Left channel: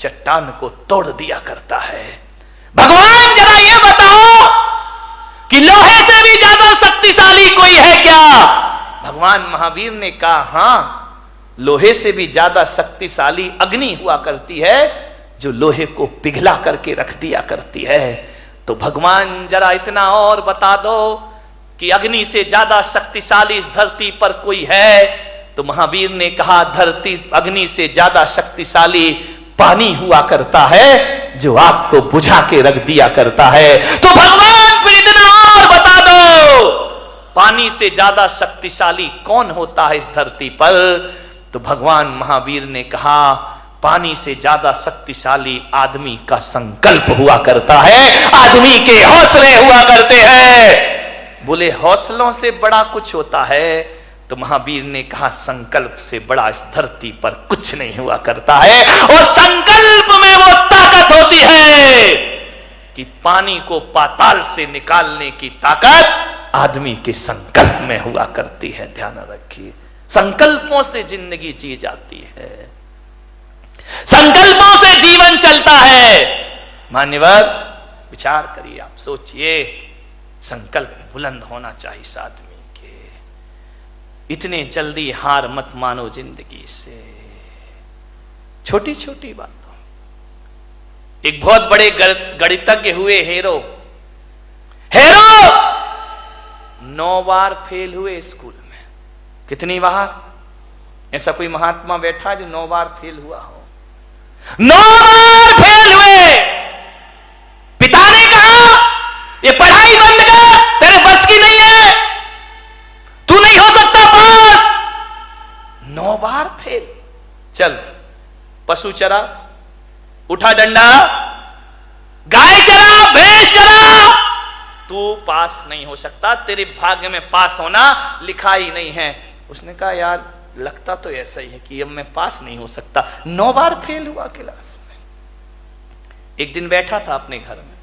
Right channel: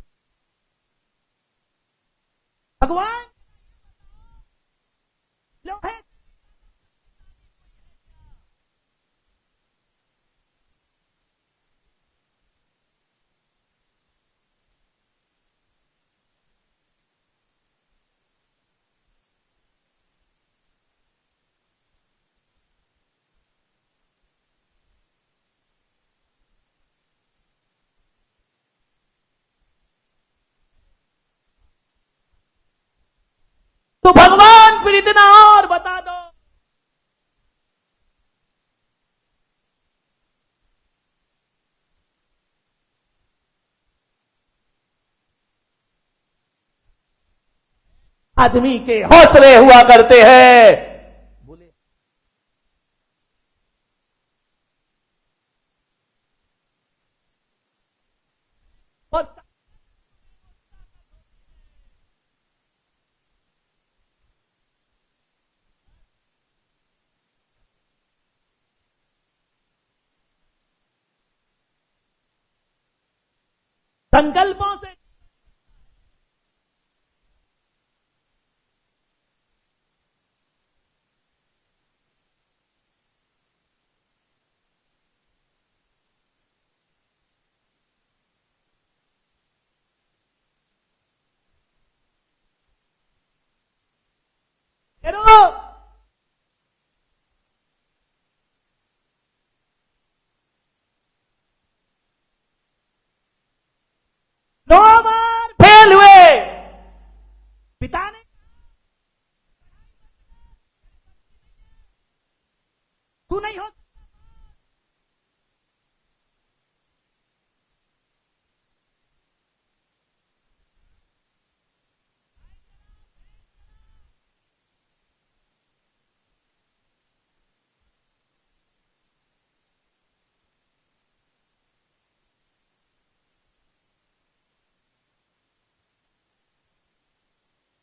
चट्टान को तोड़ दिया करता है। भगवान जरा ये बताओ कि लोहे से भी ज्यादा शक्तिशाली कोई है क्या? भगवान महावीर ने कहा हां, लोहे से भी ज्यादा शक्तिशाली अग्नि हुआ करती है जो लोहे को पिघला करके रख दिया करती है। तो भगवान जरा इतना और बता दो कि अग्नि से ज्यादा शक्तिशाली इस धरती पर कोई है? तो महावीर ने कहा धरती अग्नि से ज्यादा शक्तिशाली पानी हुआ करता है जो आग को बुझा के रख दिया करता है। तो भगवान फिर इतना और बता दो पानी से ज्यादा शक्तिशाली कौन होता है इस धरती पर? तो भगवान महावीर ने कहा पानी से ज्यादा शक्तिशाली आदमी का संकल्प हुआ करता है, आदमी के हौसले हुआ करते हैं। बोले हौसलों से बड़ा कुछ होता है? तो महावीर ने कहा संकल्प से बड़ा इस धरती पर कुछ नहीं हुआ करता है। और संकल्प में वो ताकत होती है कि पानी को पाताल से निकालने की ताकत आदमी के संकल्प में हुआ करती है। ध्यान रखिए, संकल्पों से जिंदगी जी जाती है, संकल्पों से जीवन चलता है। मान्यवर विचार करिए, आप सोचिए, संकल्प बुलंद होना चाहिए इस आदमी के। इतने जल्दी हार मत मानो जिंदगी से, छोटी छोटी बातों। एक बहुत बड़े गणितज्ञ हुए हेरो 9 बार फेल हुए स्कूल में। कितनी बार? ऐसा कोई महात्मा बैठा जो 9 बार फेल हुआ हो? 9 बार फेल हुए। पिता ने कहा ये पढ़ाई बंद कर, तेरे बस की नहीं है, तू नहीं हो सकता पास। 9 बार फेल। चल पशु चरा, उठा डंडा, गाय चरा, भैंस चरा, तू पास नहीं हो सकता, तेरे भाग्य में पास होना लिखा ही नहीं है। उसने कहा यार लगता तो ऐसा ही है कि अब मैं पास नहीं हो सकता। 9 बार फेल हुआ क्लास में। एक दिन बैठा था अपने घर में,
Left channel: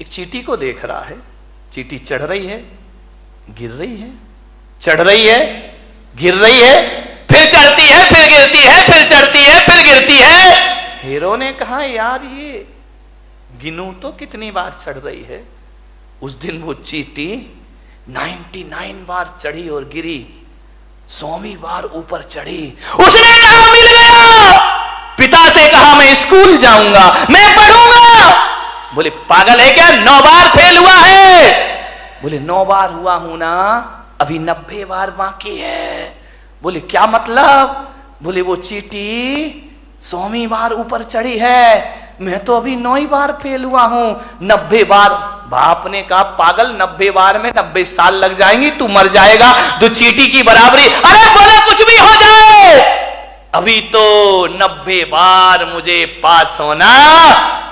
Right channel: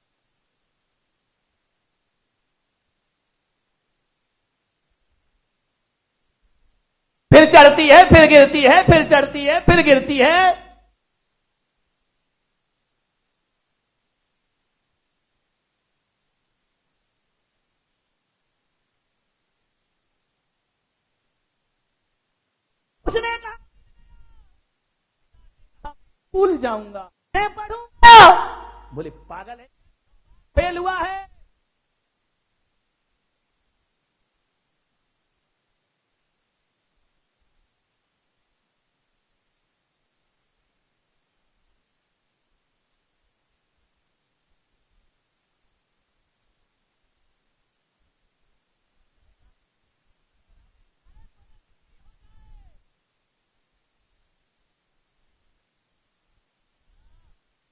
एक चींटी को देख रहा है। चींटी चढ़ रही है, गिर रही है, चढ़ रही है, गिर रही है, फिर चढ़ती है, फिर गिरती है, फिर चढ़ती है, फिर गिरती है। हीरो ने कहा यार ये गिनूं तो कितनी बार चढ़ रही है। उस दिन वो चींटी 99 बार चढ़ी और गिरी, 100वीं बार ऊपर चढ़ी। उसने कहा मिल गया। पिता से कहा मैं स्कूल जाऊंगा, मैं पढ़ूंगा। बोले पागल है क्या, 9 बार फेल हुआ है? बोले 9 बार हुआ हूं ना, अभी 90 बार बाकी है। बोले क्या मतलब? बोले वो चींटी 100वीं बार ऊपर चढ़ी है, मैं तो अभी 9 ही बार फेल हुआ हूं, 90 बार। बाप ने कहा पागल 90 बार में 90 साल लग जाएंगी, तू मर जाएगा, तो चींटी की बराबरी। अरे बोले कुछ भी हो जाए, अभी तो 90 बार मुझे पास होना।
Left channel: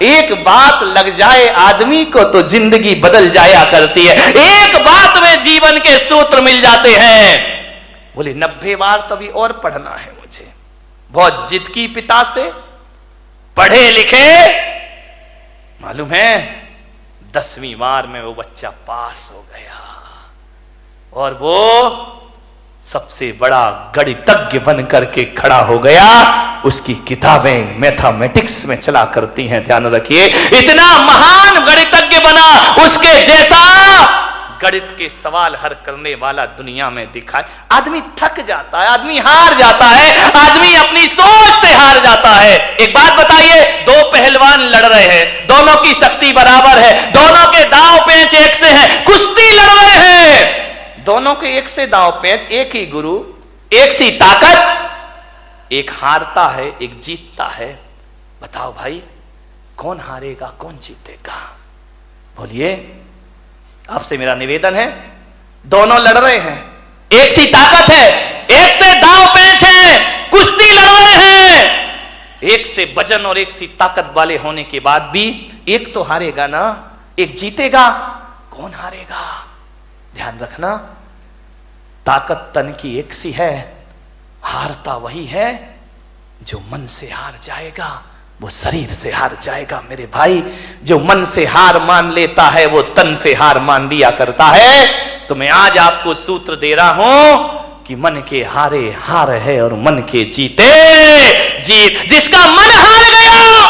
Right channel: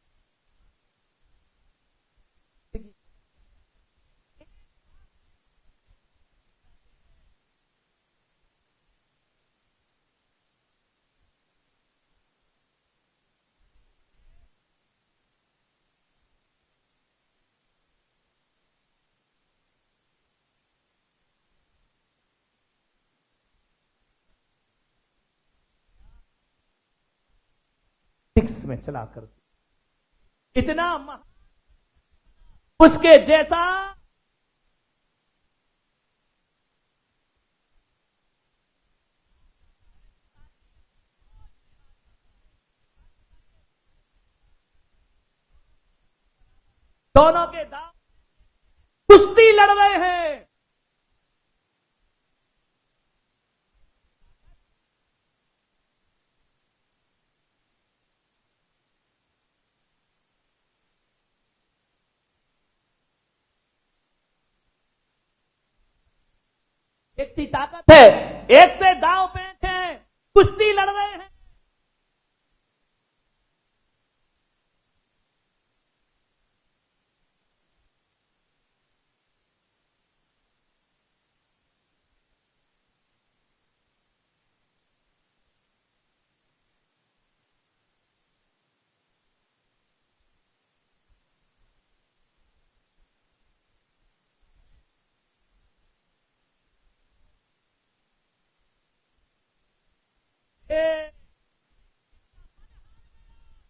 एक बात लग जाए आदमी को तो जिंदगी बदल जाया करती है, एक बात में जीवन के सूत्र मिल जाते हैं। बोले 90 बार तो अभी और पढ़ना है मुझे। बहुत जिद की पिता से, पढ़े लिखे, मालूम है 10वीं बार में वो बच्चा पास हो गया और वो सबसे बड़ा गणितज्ञ बन करके खड़ा हो गया। उसकी किताबें मैथमेटिक्स में चला करती हैं। ध्यान रखिए, इतना महान गणितज्ञ बना, उसके जैसा गणित के सवाल हल करने वाला दुनिया में दिखाए। आदमी थक जाता है, आदमी हार जाता है, आदमी अपनी सोच से हार जाता है। एक बात बताइए, 2 पहलवान लड़ रहे हैं, दोनों की शक्ति बराबर है, दोनों के दांव पेंच एक से हैं, कुश्ती लड़ रहे हैं, दोनों के एक से दांव पेंच, एक ही गुरु, एक सी ताकत। एक हारता है, एक जीतता है। बताओ भाई कौन हारेगा, कौन जीतेगा? बोलिए, आपसे मेरा निवेदन है, दोनों लड़ रहे हैं, एक सी ताकत है, एक से दांव पेंच है, कुश्ती लड़ रहे हैं। एक से वजन और एक सी ताकत वाले होने के बाद भी एक तो हारेगा ना, एक जीतेगा। कौन हारेगा? ध्यान रखना, ताकत तन की एक सी है, हारता वही है जो मन से हार जाएगा, वो शरीर से हार जाएगा। मेरे भाई, जो मन से हार मान लेता है वो तन से हार मान लिया करता है। तो मैं आज आपको सूत्र दे रहा हूं, कि मन के हारे हार है और मन के जीते जीत। जिसका मन हार गया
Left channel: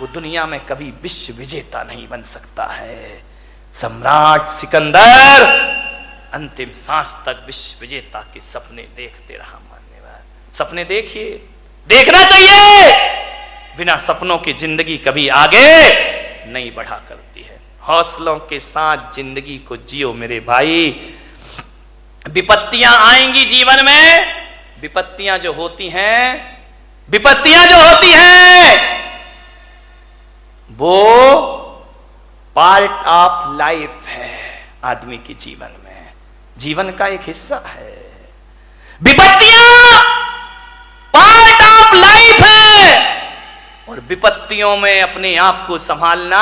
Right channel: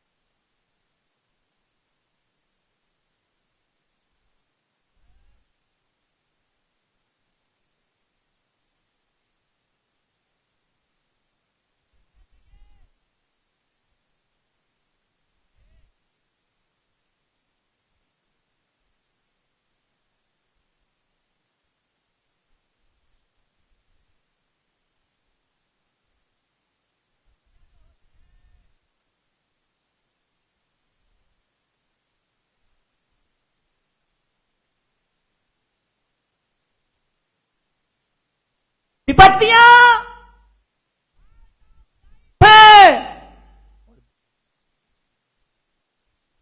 वो दुनिया में कभी विश्व विजेता नहीं बन सकता है। सम्राट सिकंदर अंतिम सांस तक विश्व विजेता के सपने देखते रहा। मान्यवर, सपने देखिए, देखना चाहिए। बिना सपनों की जिंदगी कभी आगे नहीं बढ़ा करती है। हौसलों के साथ जिंदगी को जियो मेरे भाई। विपत्तियां आएंगी जीवन में, विपत्तियां जो होती हैं वो पार्ट ऑफ लाइफ है आदमी के जीवन में, जीवन का एक हिस्सा है। विपत्तियां पार्ट ऑफ लाइफ है और विपत्तियों में अपने आप को संभालना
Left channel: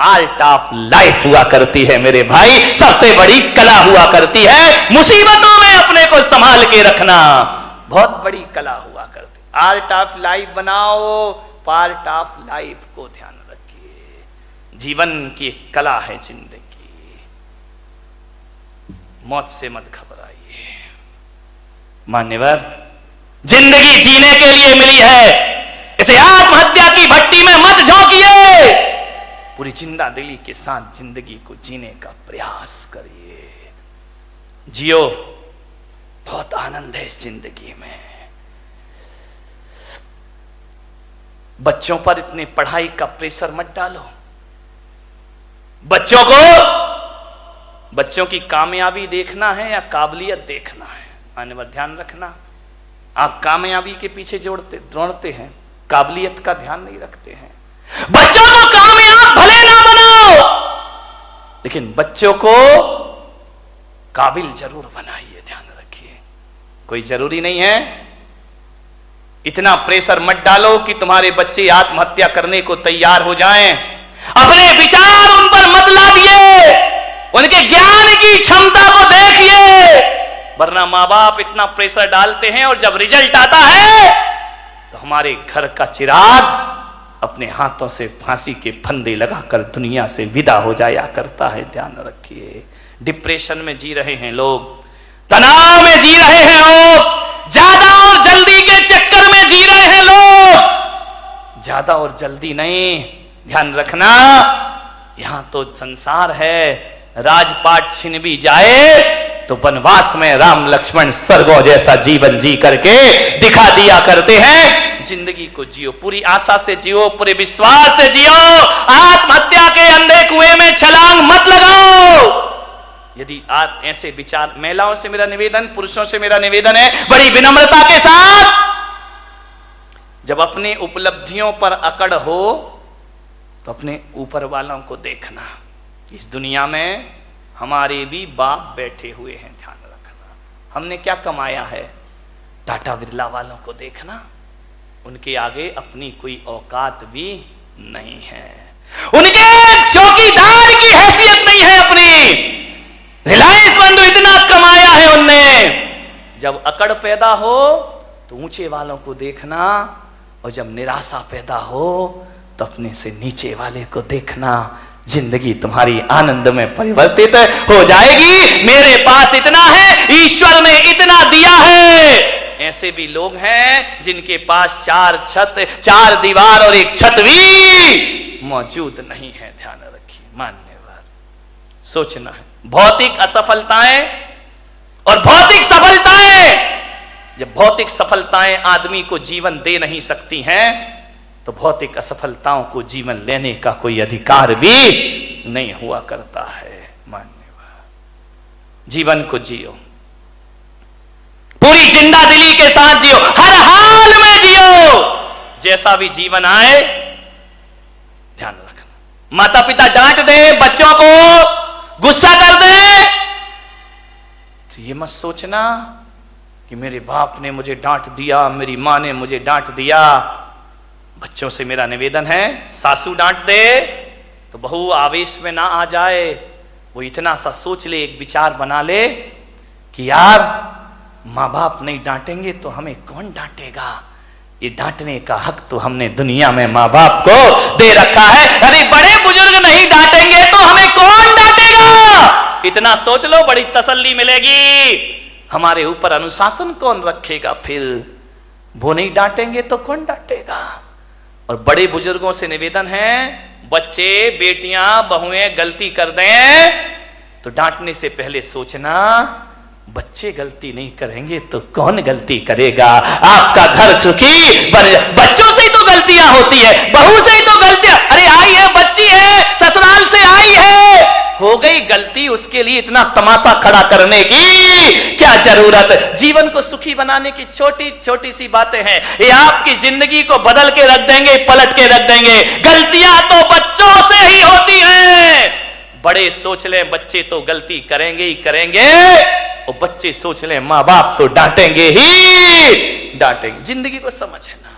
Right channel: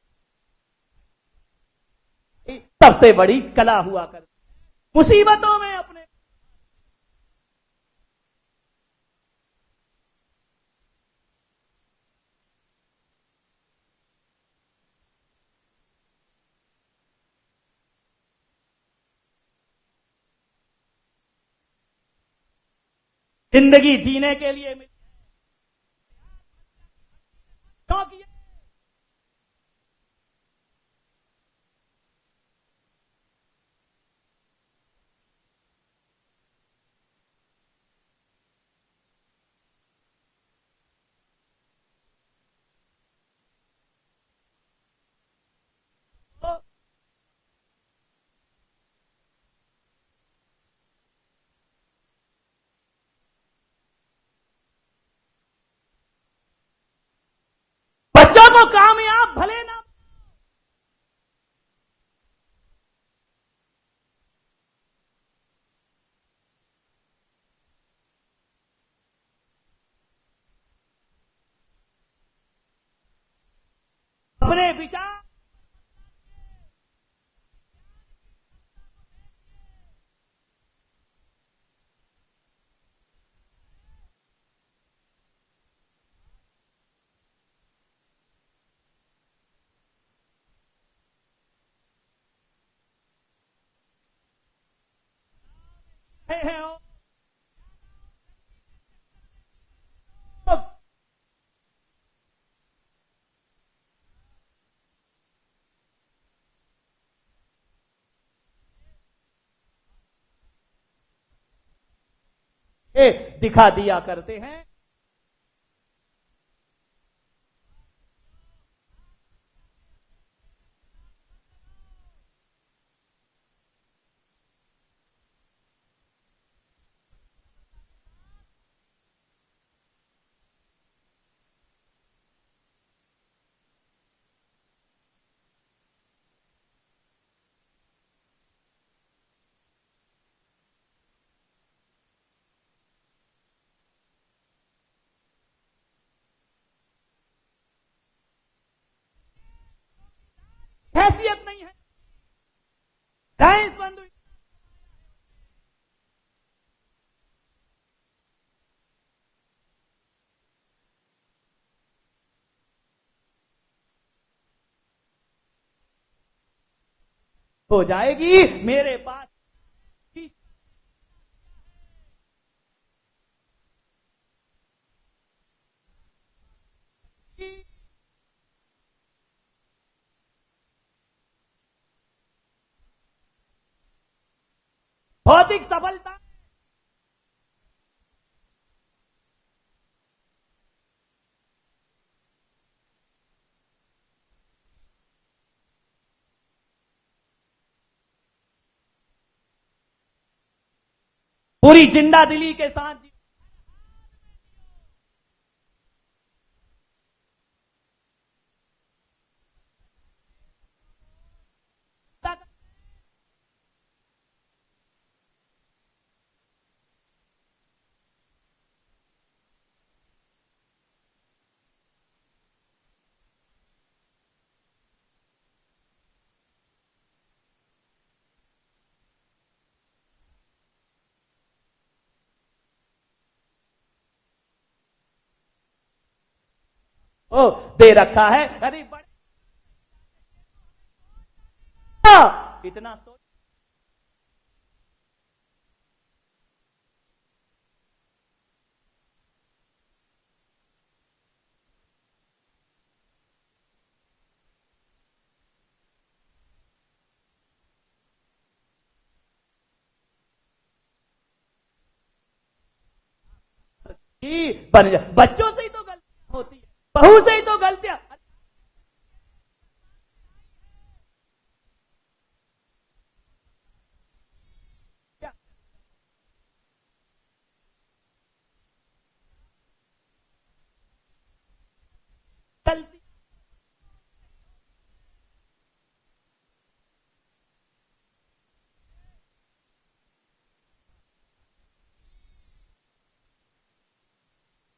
आर्ट ऑफ लाइफ हुआ करती है मेरे भाई। सबसे बड़ी कला हुआ करती है मुसीबतों में अपने को संभाल के रखना, बहुत बड़ी कला हुआ करती। आर्ट ऑफ लाइफ बनाओ, पार्ट ऑफ लाइफ को ध्यान रखिए। जीवन की एक कला है जिंदगी। मौत से मत घबराइए मान्यवर, जिंदगी जीने के लिए मिली है, इसे आत्महत्या की भट्टी में मत झोंकिए। पूरी जिंदा दिली के साथ जिंदगी को जीने का प्रयास करिए। जियो, बहुत आनंद है इस जिंदगी में। बच्चों पर इतने पढ़ाई का प्रेशर मत डालो। बच्चों की कामयाबी देखना है या काबिलियत देखना है, आने पर ध्यान रखना। आप कामयाबी के पीछे दौड़ते हैं, काबिलियत का ध्यान नहीं रखते हैं। बच्चों को कामयाब भले ना बनाओ, लेकिन बच्चों को काबिल जरूर बनाइए, ध्यान रखिए। कोई जरूरी नहीं है, इतना प्रेशर मत डालो कि तुम्हारे बच्चे आत्महत्या करने को तैयार हो जाएं। अपने विचार उन पर मत लादिए, उनके ज्ञान की क्षमता को देखिए। वरना माँ बाप इतना प्रेशर डालते हैं और जब रिजल्ट आता है तो हमारे घर का चिराग अपने हाथों से फांसी के फंदे लगाकर दुनिया से विदा हो जाया करता है, ध्यान रखिए। डिप्रेशन में जी रहे हैं लोग, तनाव में जी रहे हैं लोग, ज्यादा और जल्दी के चक्कर में जी रहे हैं लोग। ज्यादा और जल्दी नहीं, ध्यान रखना। यहां तो संसार है, राजपाट छिन भी जाए तो वनवास में राम लक्ष्मण स्वर्गों जैसा जीवन जी करके दिखा दिया करते हैं। जिंदगी को जियो, पूरी आशा से जियो, पूरे विश्वास से जियो। आत्महत्या के अंधे कुएं में छलांग मत लगाओ। यदि आप ऐसे विचार, महिलाओं से मेरा निवेदन, पुरुषों से मेरा निवेदन है बड़ी विनम्रता के साथ, जब अपने उपलब्धियों पर अकड़ हो तो अपने ऊपर वालों को देखना। इस दुनिया में हमारे भी बाप बैठे हुए हैं, ध्यान रखना। हमने क्या कमाया है, टाटा बिरला वालों को देखना, उनके आगे अपनी कोई औकात भी नहीं है, उनके चौकीदार की हैसियत नहीं है अपनी। रिलायंस बंधु इतना कमाया है उनने। जब अकड़ पैदा हो तो ऊंचे वालों को देखना, और जब निराशा पैदा हो तो अपने से नीचे वाले को देखना। जिंदगी तुम्हारी आनंद में परिवर्तित हो जाएगी। मेरे पास इतना है, ईश्वर ने इतना दिया है। ऐसे भी लोग हैं जिनके पास 4 छत, 4 दीवार और 1 छत भी मौजूद नहीं है, ध्यान रखिए मान्यवर। सोचना है, भौतिक असफलताएं और भौतिक सफलताएं, जब भौतिक सफलताएं आदमी को जीवन दे नहीं सकती हैं तो भौतिक असफलताओं को जीवन लेने का कोई अधिकार भी नहीं हुआ करता है। मान्यवर, जीवन को जियो, पूरी जिंदा दिली के साथ जियो, हर हाल में जियो। जैसा भी जीवन आए ध्यान रखना। माता पिता डांट दे, बच्चों को गुस्सा कर दे तो ये मत सोचना कि मेरे बाप ने मुझे डांट दिया, मेरी मां ने मुझे डांट दिया। बच्चों से मेरा निवेदन है, सासू डांट दे तो बहू आवेश में ना आ जाए। वो इतना सा सोच ले, एक विचार बना ले कि यार माँ बाप नहीं डांटेंगे तो हमें कौन डांटेगा। ये डांटने का हक तो हमने दुनिया में माँ बाप को दे रखा है। अरे बड़े बुजुर्ग नहीं डांटेंगे तो हमें कौन डांटेगा। इतना सोच लो, बड़ी तसल्ली मिलेगी। हमारे ऊपर अनुशासन कौन रखेगा? फिर वो नहीं डांटेंगे तो कौन डांटेगा? और बड़े बुजुर्गों से निवेदन है, बच्चे बेटियां बहुएं गलती कर दें तो डांटने से पहले सोचना, बच्चे गलती नहीं करेंगे तो कौन गलती करेगा? आपका घर सुखी बच्चों से ही तो गलतियां होती है, बहू से ही तो गलतियां। अरे आई है, बच्ची है, ससुराल से आई है, हो गई गलती, उसके लिए इतना तमाशा खड़ा करने की क्या जरूरत? जीवन को सुखी बनाने की छोटी छोटी सी बातें हैं, ये आपकी जिंदगी को बदल के रख देंगे, पलट के रख देंगे। गलतियां तो बच्चों से ही होती हैं। बड़े सोच लें बच्चे तो गलती करेंगे ही करेंगे, और बच्चे सोच लें मां बाप तो डांटेंगे ही डांटेंगे। जिंदगी को समझना।